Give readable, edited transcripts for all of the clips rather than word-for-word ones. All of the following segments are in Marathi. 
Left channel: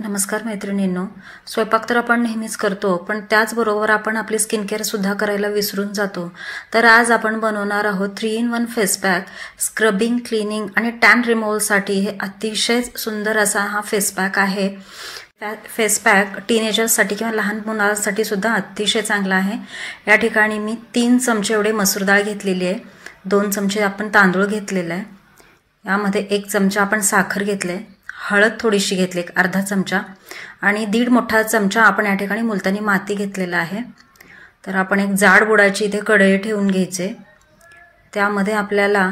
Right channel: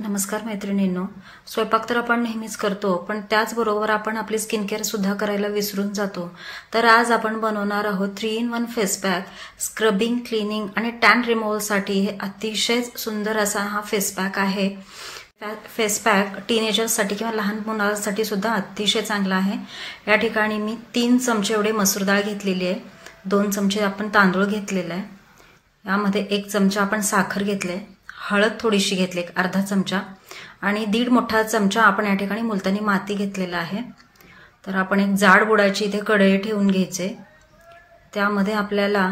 नमस्कार मैत्रिणींनो, स्वयंपाक तर आपण नेहमीच करतो, पण त्याचबरोबर आपण आपली स्किन केअर सुद्धा करायला विसरून जातो। तर आज आपण बनवणार आहोत 3-in-1 face pack. Scrubbing, cleaning आणि टॅन रिमूव्हलसाठी हे अतिशय सुंदर असा हा फेस पॅक आहे। फेस पॅक टीनेजर्ससाठी किंवा लहान मुलांसाठी सुद्धा अतिशय चांगला आहे। या ठिकाणी मी 3 चमचे एवढे मसूर डाळ घेतलेली आहे, 2 चमचे आपण तांदूळ घेतलेले आहे, यामध्ये 1 चमचा आपण साखर घेतले, हळद थोडीशी घेतली, अर्धा चमचा, आणि 1.5 मोठा चमचा आपण या ठिकाणी मुलतानी माती घेतलेला आहे। तर आपण एक जाड बुडाची इथे कढई ठेवून घ्यायचे, त्यामध्ये आपल्याला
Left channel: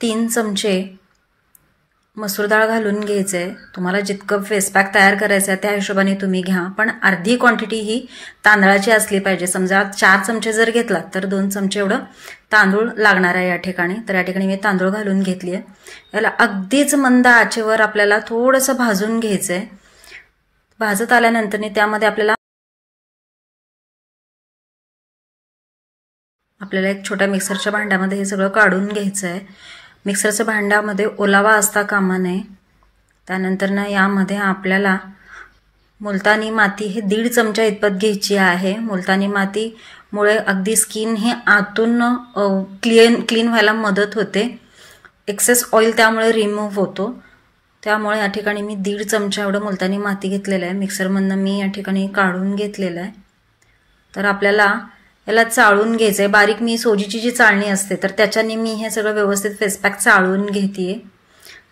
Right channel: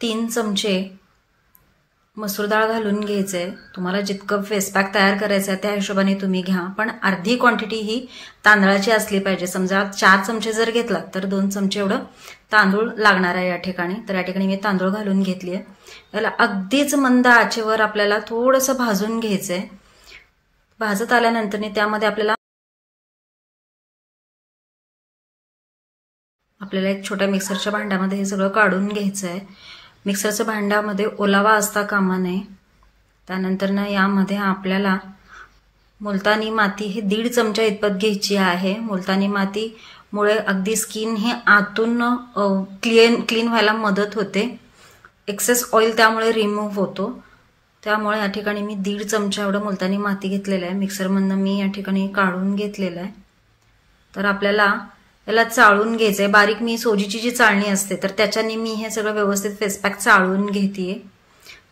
3 चमचे मसूर डाळ घालून घ्यायचे। तुम्हाला जितकं फेस पॅक तयार करायचं आहे त्या हिशोबाने तुम्ही घ्या, पण अर्धी क्वांटिटी ही तांदळाची असली पाहिजे। समजा 4 चमचे जर घेतला तर 2 चमचे एवढं तांदूळ लागणार आहे या ठिकाणी। तर या ठिकाणी मी तांदूळ घालून घेतली आहे। याला अगदीच मंद आचेवर आपल्याला थोडंसं भाजून घ्यायचंय। भाजत आल्यानंतर त्यामध्ये आपल्याला एक छोट्या मिक्सरच्या भांड्यामध्ये हे सगळं काढून घ्यायचं आहे। मिक्सरच्या भांड्यामध्ये ओलावा असता कामा नये। त्यानंतर यामध्ये आपल्याला मुलतानी माती हे 1.5 चमचा इतपत घ्यायची आहे। मुलतानी माती मुळे अगदी स्किन हे आतून क्लीन व्हायला मदत होते। एक्सेस ऑइल त्यामुळे रिमूव्ह होतो। त्यामुळे या ठिकाणी मी 1.5 चमचा एवढं मुलतानी माती घेतलेलं आहे। मिक्सरमधनं मी या ठिकाणी काढून घेतलेलं आहे। तर आपल्याला याला चाळून घ्यायचंय। बारीक मी सोजीची जी चाळणी असते तर त्याच्याने मी हे सगळं व्यवस्थित फेस पॅक चाळून घेतेय।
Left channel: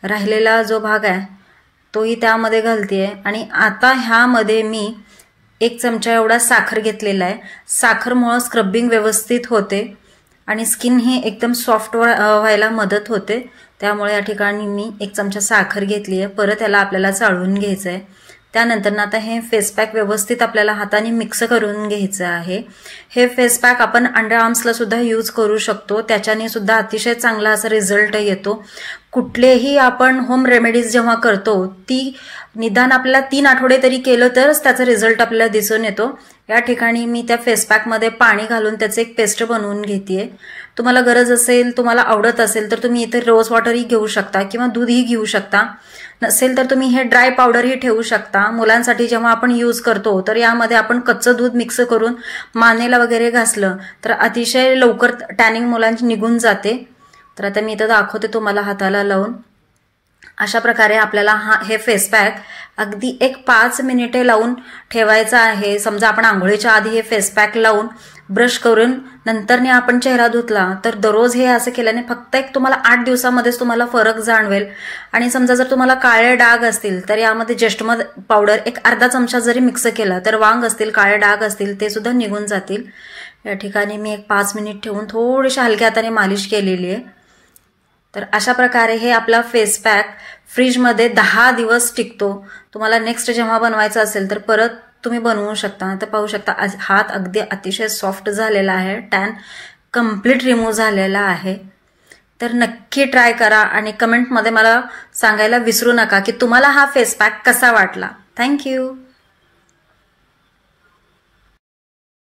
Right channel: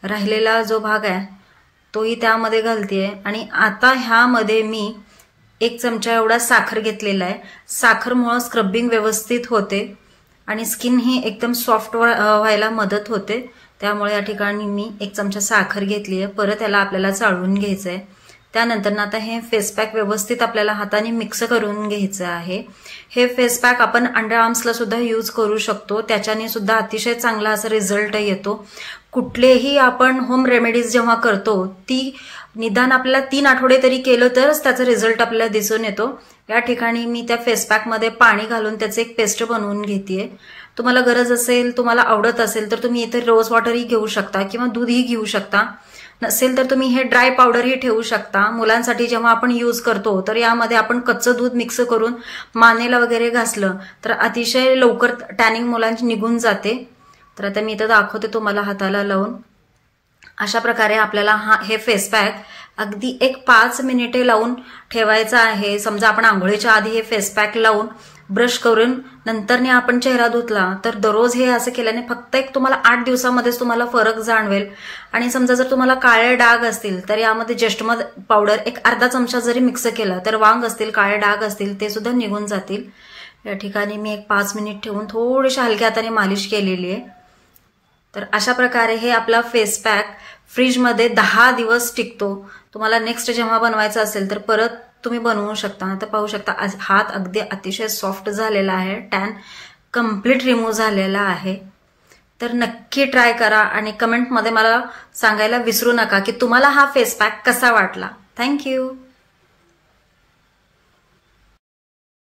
राहिलेला जो भाग आहे तोही त्यामध्ये घालतेय, आणि आता ह्यामध्ये मी 1 चमचा एवढा साखर घेतलेला आहे। साखरमुळे स्क्रबिंग व्यवस्थित होते आणि स्किन ही एकदम सॉफ्ट व्हायला मदत होते। त्यामुळे या ठिकाणी मी 1 चमचा साखर घेतली आहे। परत याला आपल्याला चाळून घ्यायचंय। त्यानंतर आता हे फेस पॅक व्यवस्थित आपल्याला हाताने मिक्स करून घ्यायचं आहे। हे फेस पॅक आपण अंडर आर्म्सला सुद्धा यूज करू शकतो, त्याच्याने सुद्धा अतिशय चांगला असा रिझल्ट येतो। कुठलेही आपण होम रेमेडीज जेव्हा करतो ती निदान आपल्याला 3 आठवडे तरी केलं तरच त्याचा रिझल्ट आपल्याला दिसून येतो। या ठिकाणी मी त्या फेस पॅक मध्ये पाणी घालून त्याचे एक पेस्ट बनवून घेतेय। तुम्हाला गरज असेल, तुम्हाला आवडत असेल तर तुम्ही इथे रोज वॉटरही घेऊ शकता किंवा दूधही घेऊ शकता। नसेल तर तुम्ही हे ड्राय पावडरही ठेवू शकता। मुलांसाठी जेव्हा आपण यूज करतो तर यामध्ये आपण कच्चं दूध मिक्स करून मानेला वगैरे घासलं तर अतिशय लवकर टॅनिंग मुलांची निघून जाते। तर आता मी इथं दाखवते तुम्हाला हाताला लावून। अशा प्रकारे आपल्याला हे फेस पॅक अगदी 5 मिनिटे लावून ठेवायचा आहे। समजा आपण आंघोळीच्या आधी हे फेस पॅक लावून ब्रश करून नंतरने आपण चेहरा धुतला तर दररोज हे असं केल्याने फक्त तुम्हाला 8 दिवसामध्येच तुम्हाला फरक जाणवेल। आणि समजा जर तुम्हाला काळे डाग असतील तर यामध्ये जस्टमद पावडर अर्धा चमचा जरी मिक्स केला तर वांग असतील, काळे डाग असतील ते सुद्धा निघून जातील। या ठिकाणी मी 5 मिनिट ठेवून थोडीशी हलक्या हाताने मालिश केलेली आहे। तर अशा प्रकारे हे आपला फेस पॅक फ्रीजमध्ये 10 दिवस टिकतो। तुम्हाला नेक्स्ट जेव्हा बनवायचं असेल तर परत तुम्ही बनवू शकता। तर पाहू शकता हात अगदी अतिशय सॉफ्ट झालेला आहे, टॅन कंप्लीट रिमूव्ह झालेला आहे। तर नक्की ट्राय करा आणि कमेंटमध्ये मला सांगायला विसरू नका की तुम्हाला हा फेस पॅक कसा वाटला। थँक्यू।